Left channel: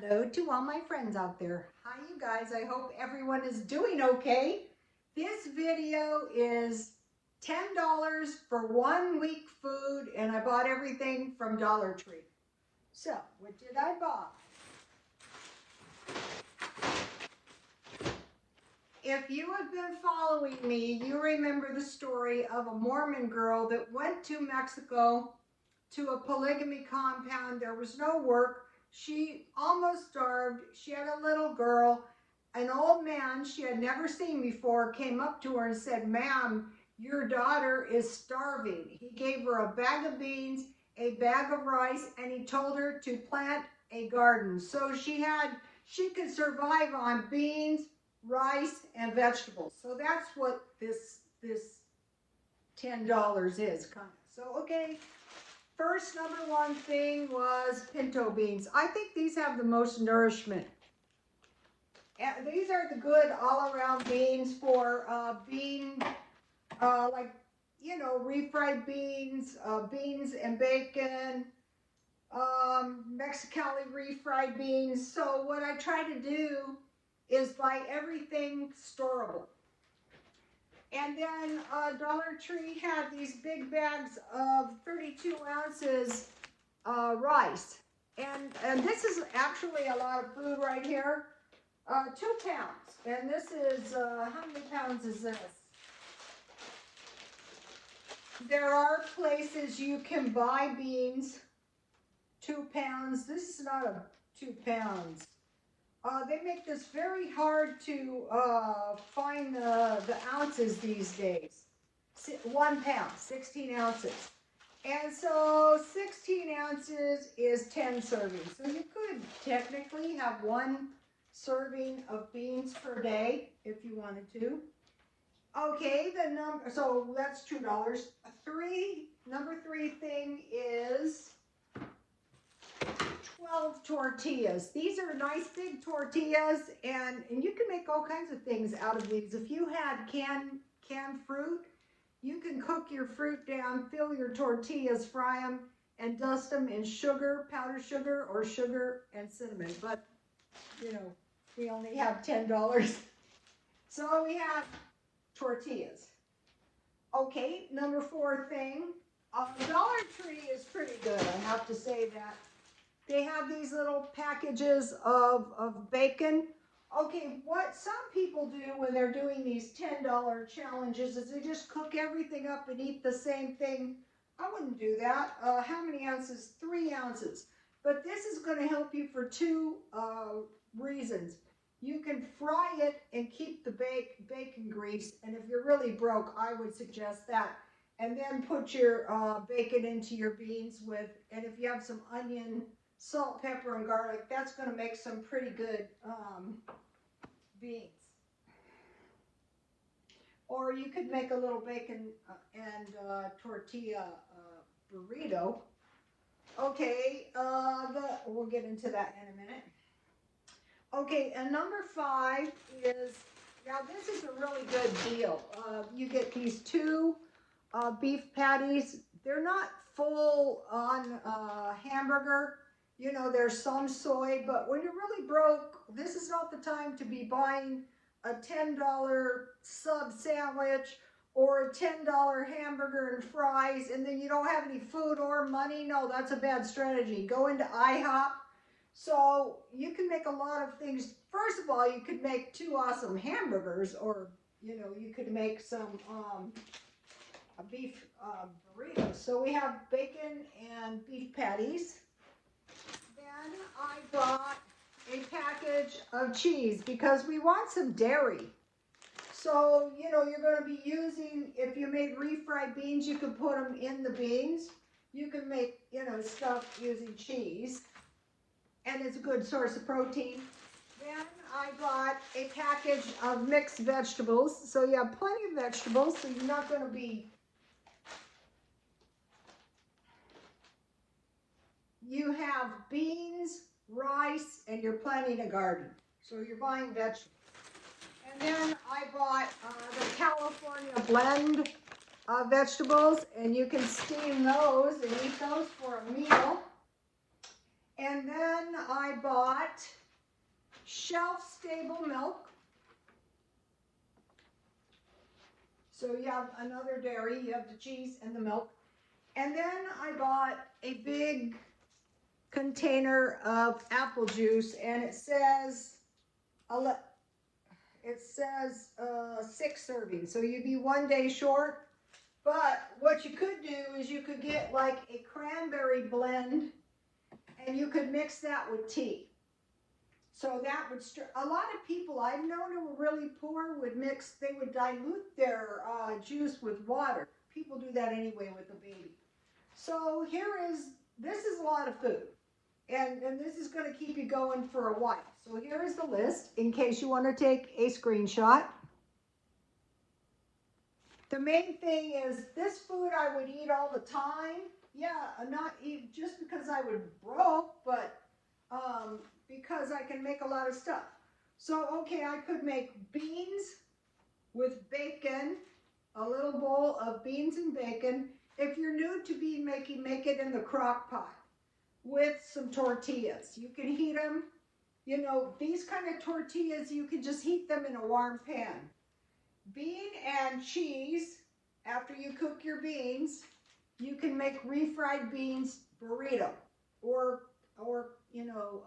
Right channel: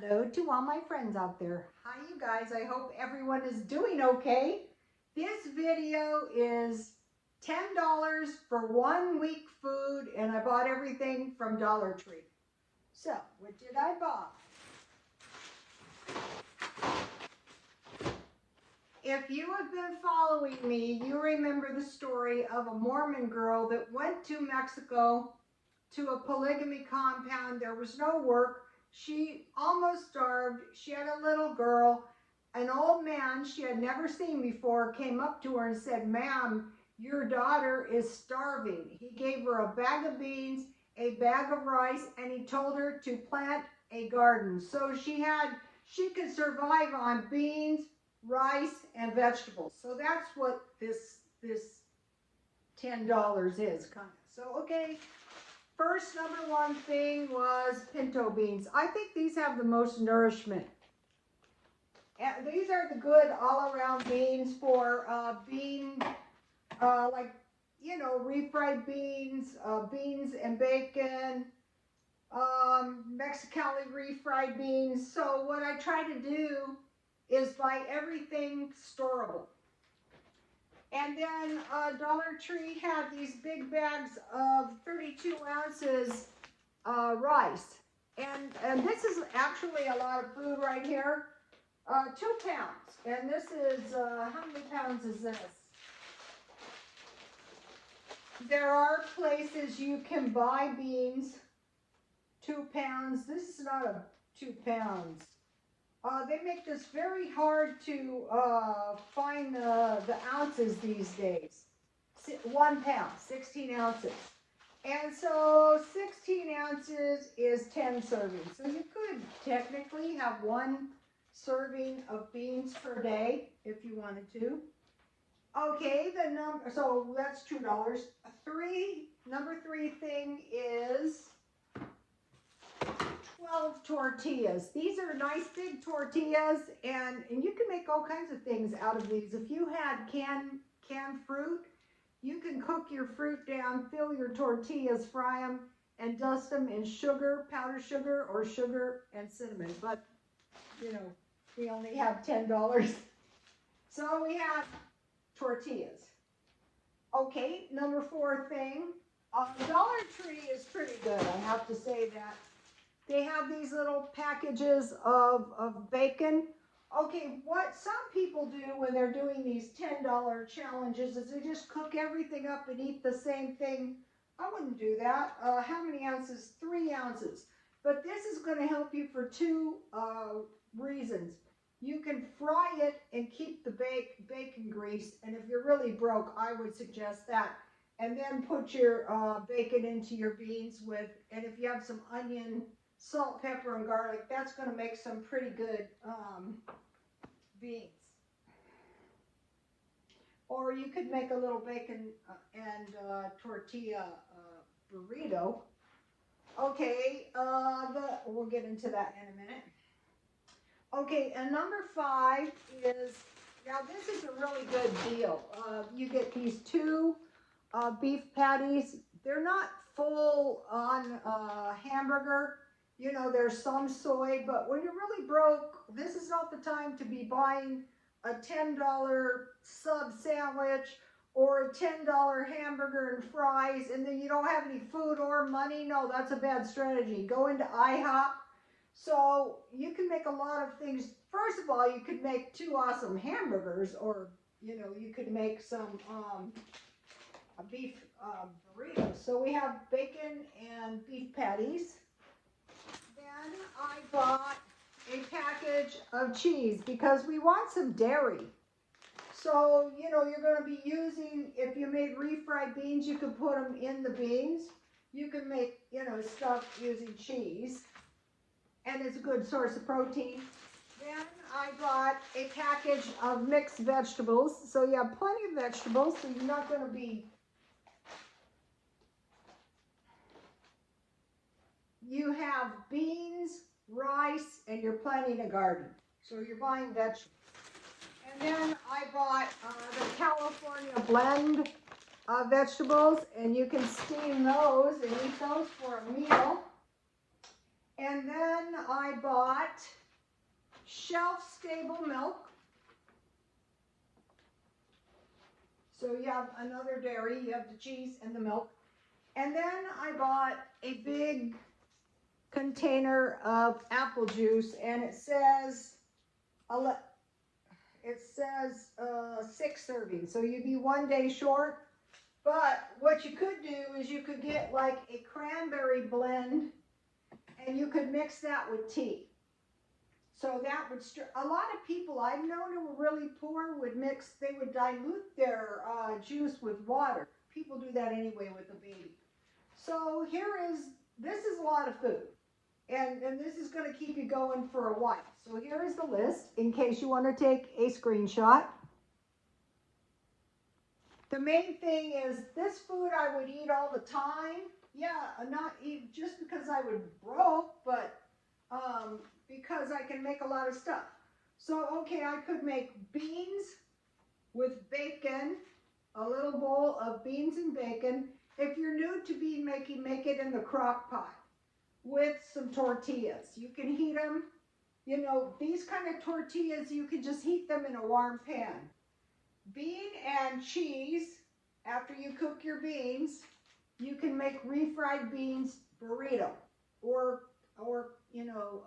Hello to all my friends out there. Hi you guys, I hope everyone is doing okay. This video is $10 for 1 week food, and I bought everything from Dollar Tree. So, what did I buy? If you have been following me, you remember the story of a Mormon girl that went to Mexico to a polygamy compound. There was no work. She almost starved. She had a little girl. An old man she had never seen before came up to her and said, "Ma'am, your daughter is starving." He gave her a bag of beans, a bag of rice, and he told her to plant a garden. So she could survive on beans, rice, and vegetables. So that's what this $10 is, kind of. So, okay. First, number one thing was pinto beans. I think these have the most nourishment. And these are the good all-around beans for like, you know, refried beans, beans and bacon, Mexicali refried beans. So what I try to do is buy everything storable. And then Dollar Tree had these big bags of 32 ounces rice. And this is actually a lot of food right here. 2 pounds. And this is, how many pounds is this? There are places you can buy beans, 2 pounds. This is not a 2 pounds. They make this very hard to find the ounces these days. 1 pound, 16 ounces. And so 16 ounces is 10 servings. So you could technically have 1 serving of beans per day if you wanted to. Okay, so that's $2. Number 3 thing is 12 tortillas. These are nice big tortillas, and you can make all kinds of things out of these. If you had canned fruit, you can cook your fruit down, fill your tortillas, fry them, and dust them in sugar, powdered sugar, or sugar and cinnamon. But, you know, we only have $10. So we have tortillas. Okay, number 4 thing. Dollar Tree is pretty good, I have to say that. They have these little packages of bacon. Okay, what some people do when they're doing these $10 challenges is they just cook everything up and eat the same thing. I wouldn't do that. How many ounces? 3 ounces. But this is going to help you for 2 reasons. You can fry it and keep the bacon grease. And if you're really broke, I would suggest that. And then put your bacon into your beans with, and if you have some onion, salt, pepper, and garlic, that's going to make some pretty good beans. Or you could make a little bacon and tortilla burrito. Okay, we'll get into that in a minute. Okay, and number 5 is, now this is a really good deal. You get these 2 beef patties. They're not full on hamburger. You know, there's some soy, but when you're really broke, this is not the time to be buying a $10 sub sandwich or a $10 hamburger and fries, and then you don't have any food or money. No, that's a bad strategy. Go into IHOP. So you can make a lot of things. First of all, you could make 2 awesome hamburgers, or, you know, you could make some a beef burrito. So we have bacon and beef patties. Then I bought a package of cheese because we want some dairy. So, you know, you're going to be using, if you made refried beans, you could put them in the beans. You can make, you know, stuff using cheese. And it's a good source of protein. Then I bought a package of mixed vegetables. So you have plenty of vegetables, so you're not going to be... You have beans, rice, and you're planting a garden. So you're buying vegetables. And then I bought the California blend vegetables, and you can steam those and eat those for a meal. And then I bought shelf-stable milk. So you have another dairy, you have the cheese and the milk. And then I bought a big container of apple juice, and it says 6 servings. So you'd be 1 day short. But what you could do is you could get like a cranberry blend, and you could mix that with tea. So that would a lot of people I've known who were really poor would they would dilute their juice with water. People do that anyway with a baby. So this is a lot of food. And this is going to keep you going for a while. So here is the list in case you want to take a screenshot. The main thing is this food I would eat all the time. Yeah, not eat just because I would broke, but because I can make a lot of stuff. So, okay, I could make beans with bacon, a little bowl of beans and bacon. If you're new to bean making, make it in the crock pot with some tortillas. You can heat them, you know, these kind of tortillas, you can just heat them in a warm pan. Bean and cheese, after you cook your beans, you can make refried beans burrito or you know,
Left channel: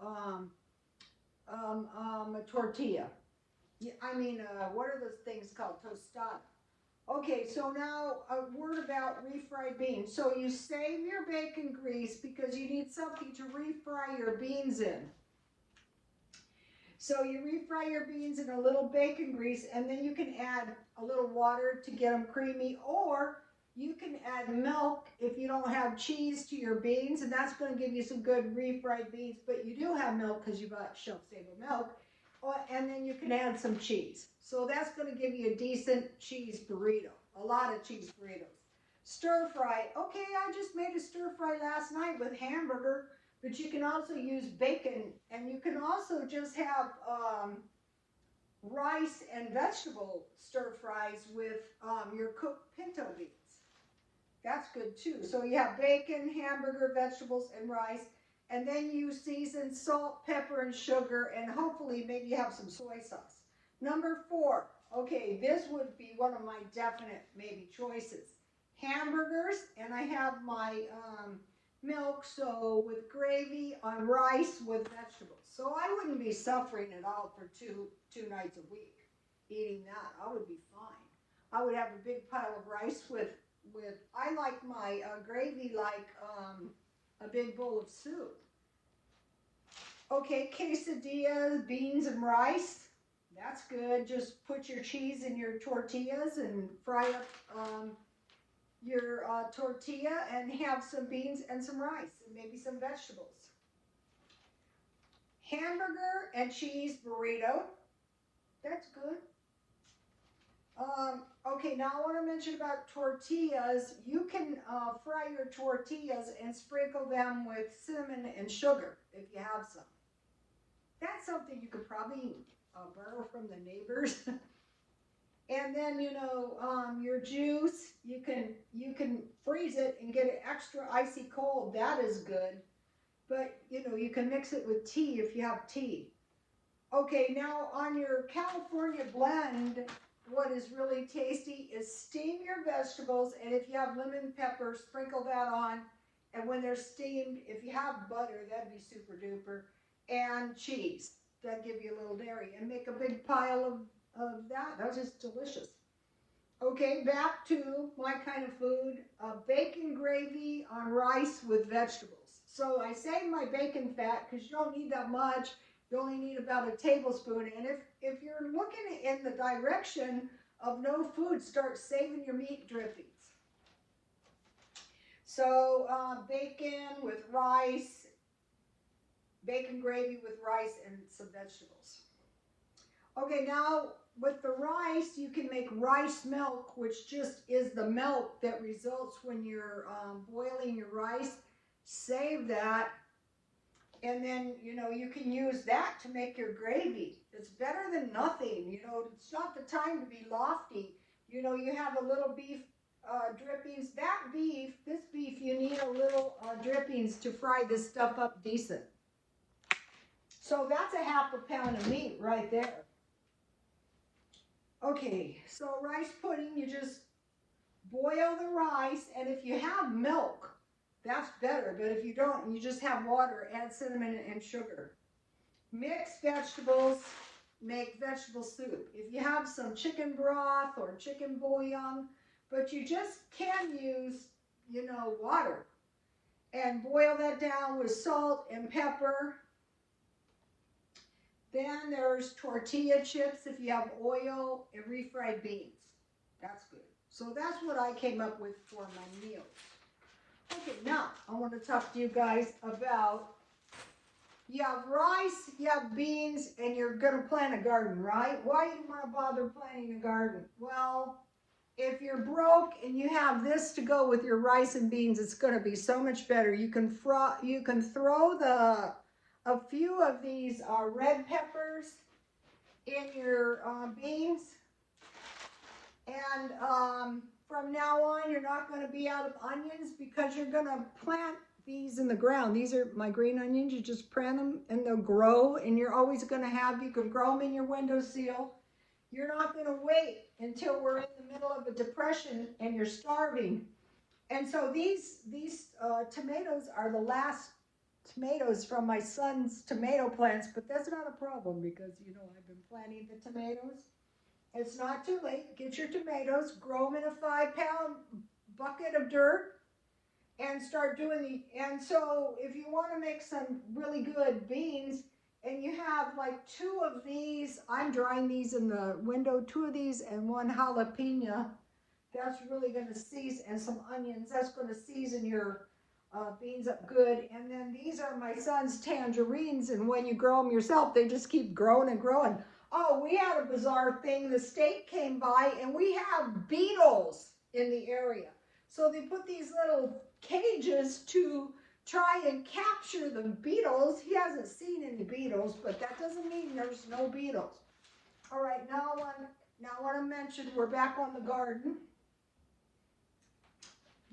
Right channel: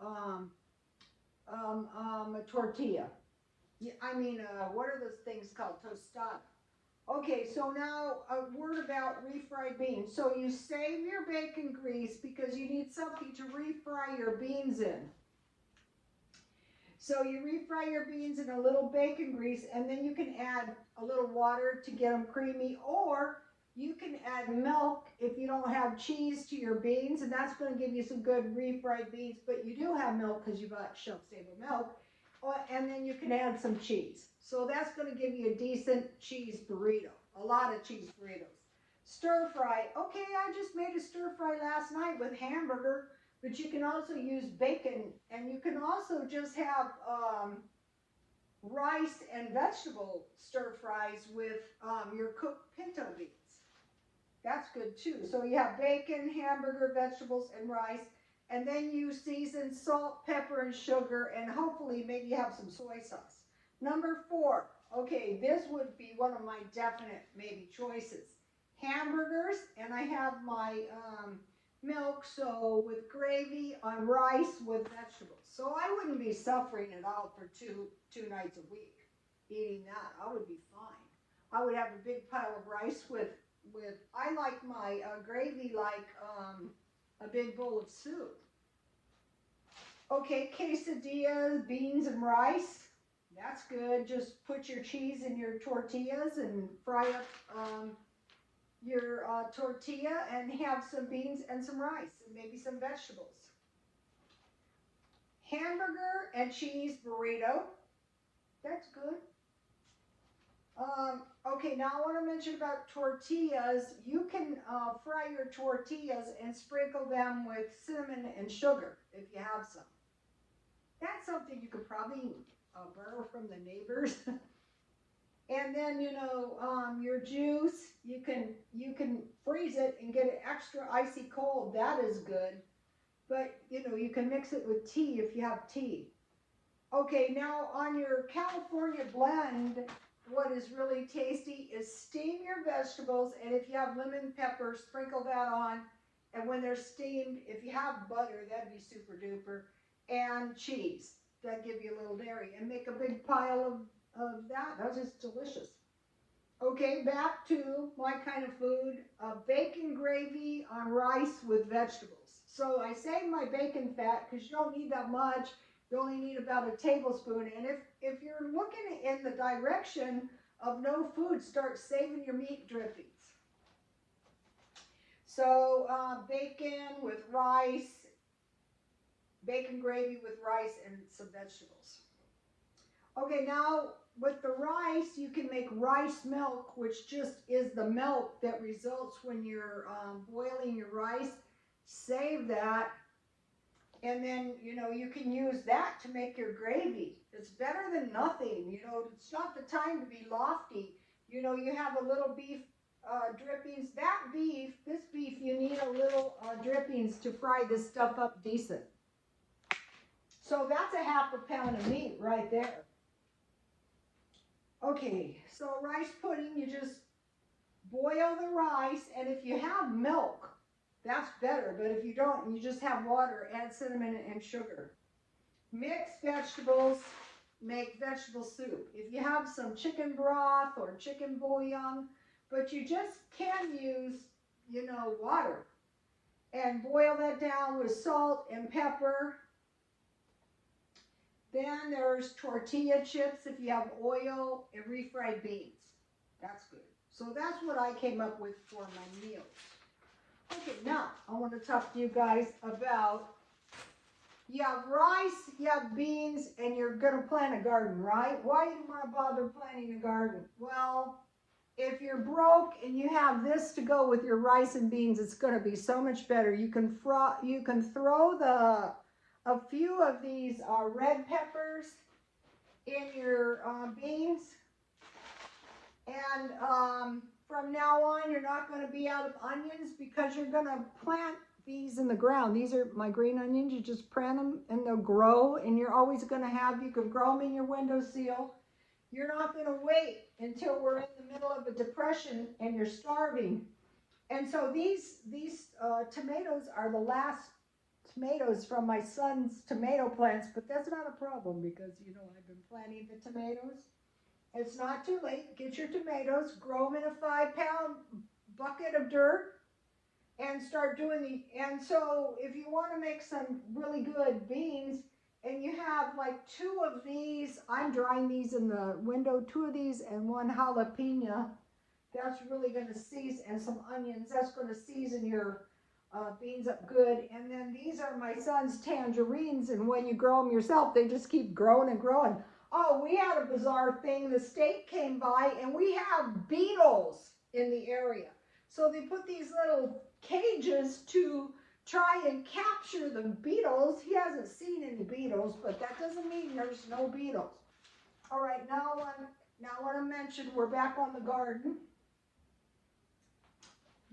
a tortilla. What are those things called? Tostada. Okay, so now a word about refried beans. So you save your bacon grease because you need something to refry your beans in. So you refry your beans in a little bacon grease, and then you can add a little water to get them creamy, or you can add milk if you don't have cheese to your beans, and that's going to give you some good refried beans, but you do have milk because you bought shelf-stable milk, and then you can add some cheese. So that's going to give you a decent cheese burrito, a lot of cheese burritos. Stir fry. Okay, I just made a stir fry last night with hamburger, but you can also use bacon, and you can also just have rice and vegetable stir fries with your cooked pinto beans. That's good too. So you have bacon, hamburger, vegetables, and rice, and then you season salt, pepper, and sugar, and hopefully maybe have some soy sauce. Number 4, okay, this would be one of my definite maybe choices. Hamburgers, and I have my milk, so with gravy on rice with vegetables. So I wouldn't be suffering at all for two nights a week eating that. I would be fine. I would have a big pile of rice with I like my gravy like a big bowl of soup. Okay, quesadillas, beans and rice. That's good. Just put your cheese in your tortillas and fry up your tortilla and have some beans and some rice and maybe some vegetables. Hamburger and cheese burrito. That's good. Okay, now I want to mention about tortillas. You can fry your tortillas and sprinkle them with cinnamon and sugar if you have some. That's something you could probably borrow from the neighbors. And then, you know, your juice, you can freeze it and get it extra icy cold. That is good. But, you know, you can mix it with tea if you have tea. Okay, now on your California blend, what is really tasty is steam your vegetables, and if you have lemon pepper, sprinkle that on. And when they're steamed, if you have butter, that'd be super duper. And cheese, that'd give you a little dairy. And make a big pile of that. That's just delicious. Okay, back to my kind of food. Bacon gravy on rice with vegetables. So I save my bacon fat because you don't need that much. You only need about a tablespoon. And if you're looking in the direction of no food, start saving your meat drippings. So bacon with rice, bacon gravy with rice and some vegetables. Okay, now with the rice, you can make rice milk, which just is the milk that results when you're boiling your rice. Save that. And then, you know, you can use that to make your gravy. It's better than nothing. You know, it's not the time to be lofty. You know, you have a little beef drippings. This beef, you need a little drippings to fry this stuff up decent. So So that's a half a pound of meat right there. Okay, so rice pudding, you just boil the rice, and if you have milk, that's better, but if you don't, you just have water, add cinnamon and sugar. Mix vegetables, make vegetable soup. If you have some chicken broth or chicken bouillon, but you just can use, you know, water. And boil that down with salt and pepper. Then there's tortilla chips if you have oil, and refried beans. That's good. So that's what I came up with for my meals. Okay, now I want to talk to you guys about, you have rice, you have beans, and you're going to plant a garden, right? Why do you want to bother planting a garden? Well, if you're broke and you have this to go with your rice and beans, it's going to be so much better. You can throw a few of these red peppers in your beans, and from now on, you're not going to be out of onions because you're going to plant these in the ground. These are my green onions. You just plant them and they'll grow, and you're always going to have, you can grow them in your windowsill. You're not going to wait until we're in the middle of a depression and you're starving. And so these tomatoes are the last tomatoes from my son's tomato plants, but that's not a problem because, you know, I've been planting the tomatoes. It's not too late. Get your tomatoes, grow them in a 5-pound bucket of dirt, and start doing and so if you want to make some really good beans, and you have like 2 of these, I'm drying these in the window, 2 of these and 1 jalapeno, that's really going to season, and some onions, that's going to season your beans up good. And then these are my son's tangerines, and when you grow them yourself, they just keep growing and growing. Oh, we had a bizarre thing. The state came by, and we have beetles in the area. So they put these little cages to try and capture the beetles. He hasn't seen any beetles, but that doesn't mean there's no beetles. All right, now I want to mention, we're back on the garden.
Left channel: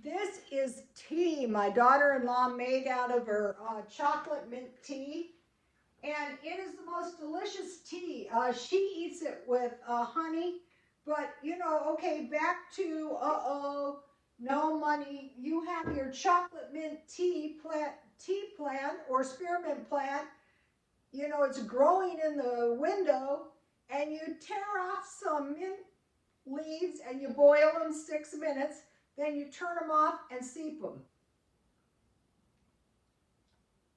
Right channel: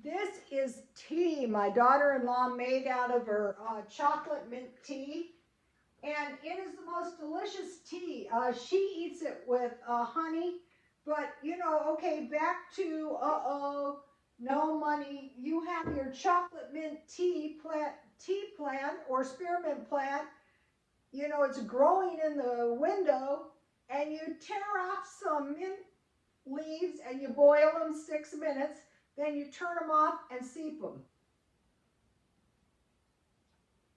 This is tea my daughter-in-law made out of her chocolate mint tea. And it is the most delicious tea. She eats it with honey, but you know, okay, back to, no money. You have your chocolate mint tea plant or spearmint plant. You know, it's growing in the window, and you tear off some mint leaves and you boil them 6 minutes. Then you turn them off and steep them.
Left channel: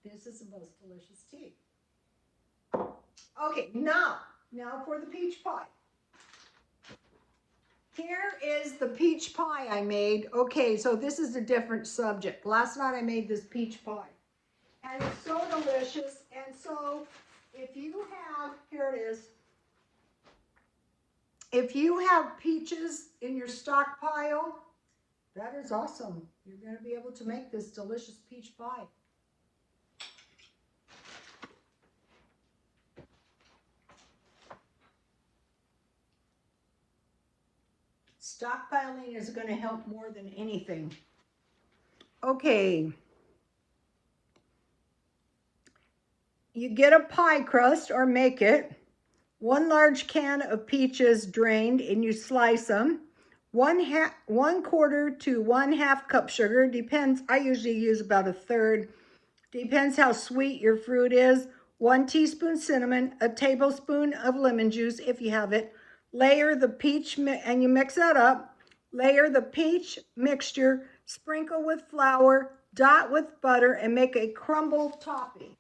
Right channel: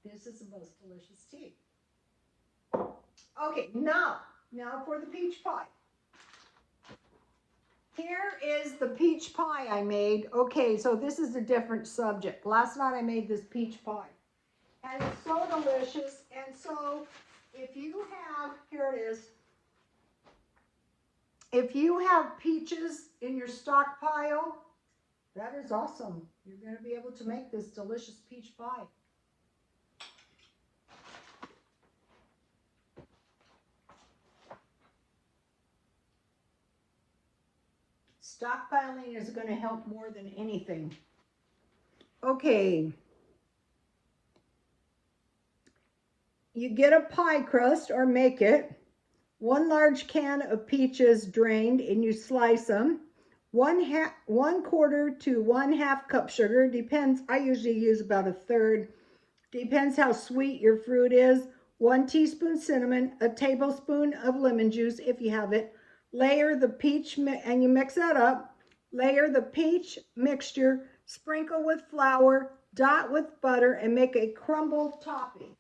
This is the most delicious tea. Okay, now for the peach pie. Here is the peach pie I made. Okay, so this is a different subject. Last night I made this peach pie, and it's so delicious. And so if you have, here it is. If you have peaches in your stockpile, that is awesome. You're going to be able to make this delicious peach pie. Stockpiling is going to help more than anything. Okay. You get a pie crust or make it. 1 large can of peaches drained, and you slice them. 1/4 to 1/2 cup sugar. Depends. I usually use about 1/3. Depends how sweet your fruit is. 1 teaspoon cinnamon, a tablespoon of lemon juice if you have it. Layer the peach, and you mix that up. Layer the peach mixture, sprinkle with flour, dot with butter, and make a crumble topping.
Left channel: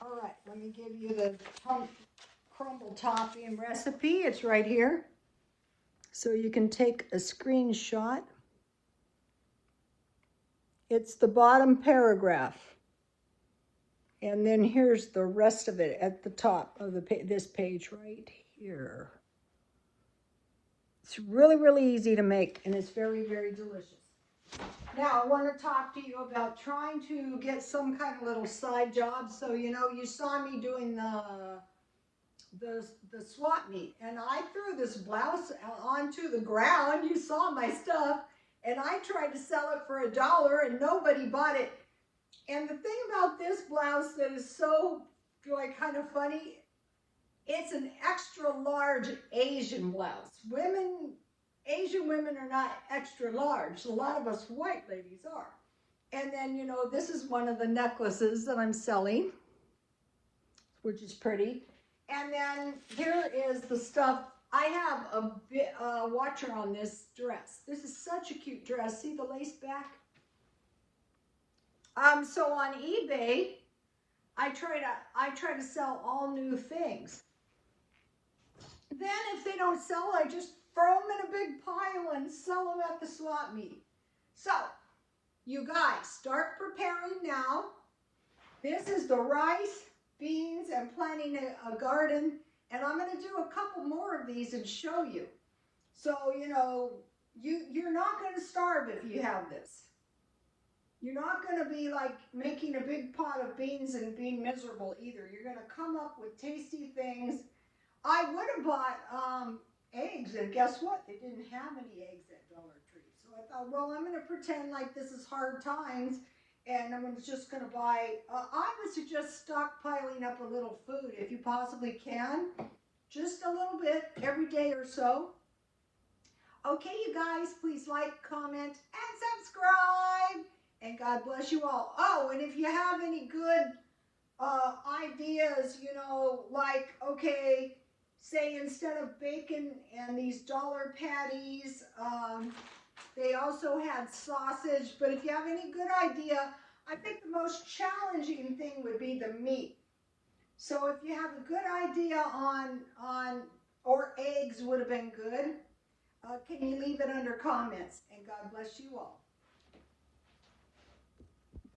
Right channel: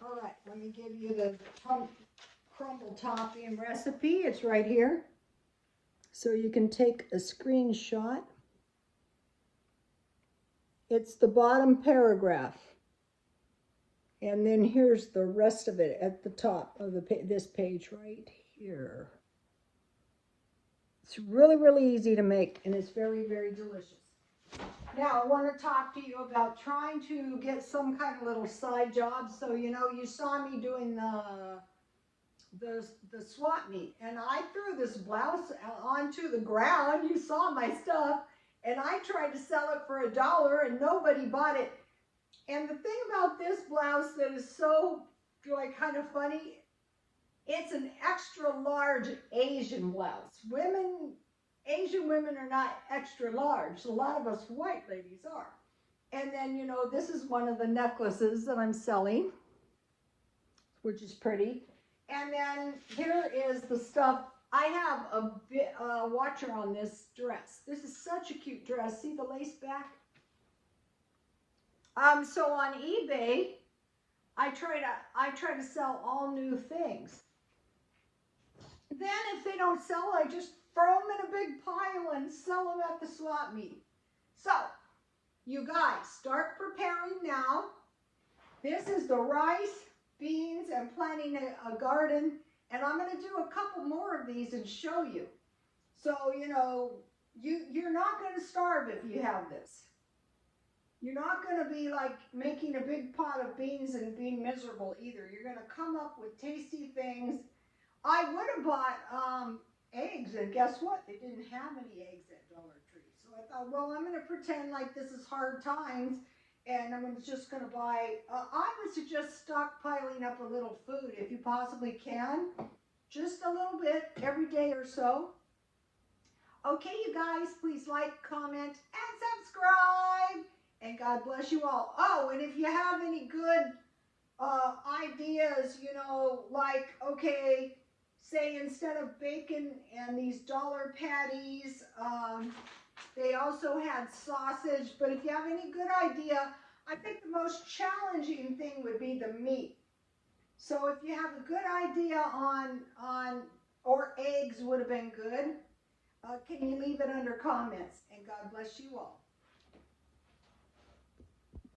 All right, let me give you the crumble topping recipe. It's right here. So you can take a screenshot. It's the bottom paragraph. And then here's the rest of it at the top of this page right here. It's really, really easy to make, and it's very, very delicious. Now, I want to talk to you about trying to get some kind of little side job. So, you know, you saw me doing the swap meet, and I threw this blouse onto the ground. You saw my stuff, and I tried to sell it for $1, and nobody bought it. And the thing about this blouse that is so like kind of funny, it's an extra large Asian blouse. Asian women are not extra large. A lot of us white ladies are. And then, you know, this is one of the necklaces that I'm selling, which is pretty. And then here is the stuff. I have a watcher on this dress. This is such a cute dress. See the lace back? So on eBay, I try to sell all new things. Then if they don't sell, I just throw them in a big pile and sell them at the swap meet. So, you guys, start preparing now. This is the rice, beans, and planting a garden. And I'm going to do a couple more of these and show you. So, you know, you're not going to starve if you have this. You're not going to be like making a big pot of beans and being miserable either. You're going to come up with tasty things. I would have bought eggs, and guess what? They didn't have any eggs at Dollar Tree. So I thought, well, I'm going to pretend like this is hard times, and I'm just going to buy, I would suggest stockpiling up a little food if you possibly can. Just a little bit every day or so. Okay, you guys, please like, comment, and subscribe. And God bless you all. Oh, and if you have any good ideas, you know, like, okay, say instead of bacon and these dollar patties, they also had sausage. But if you have any good idea, I think the most challenging thing would be the meat. So if you have a good idea or eggs would have been good, can you leave it under comments? And God bless you all.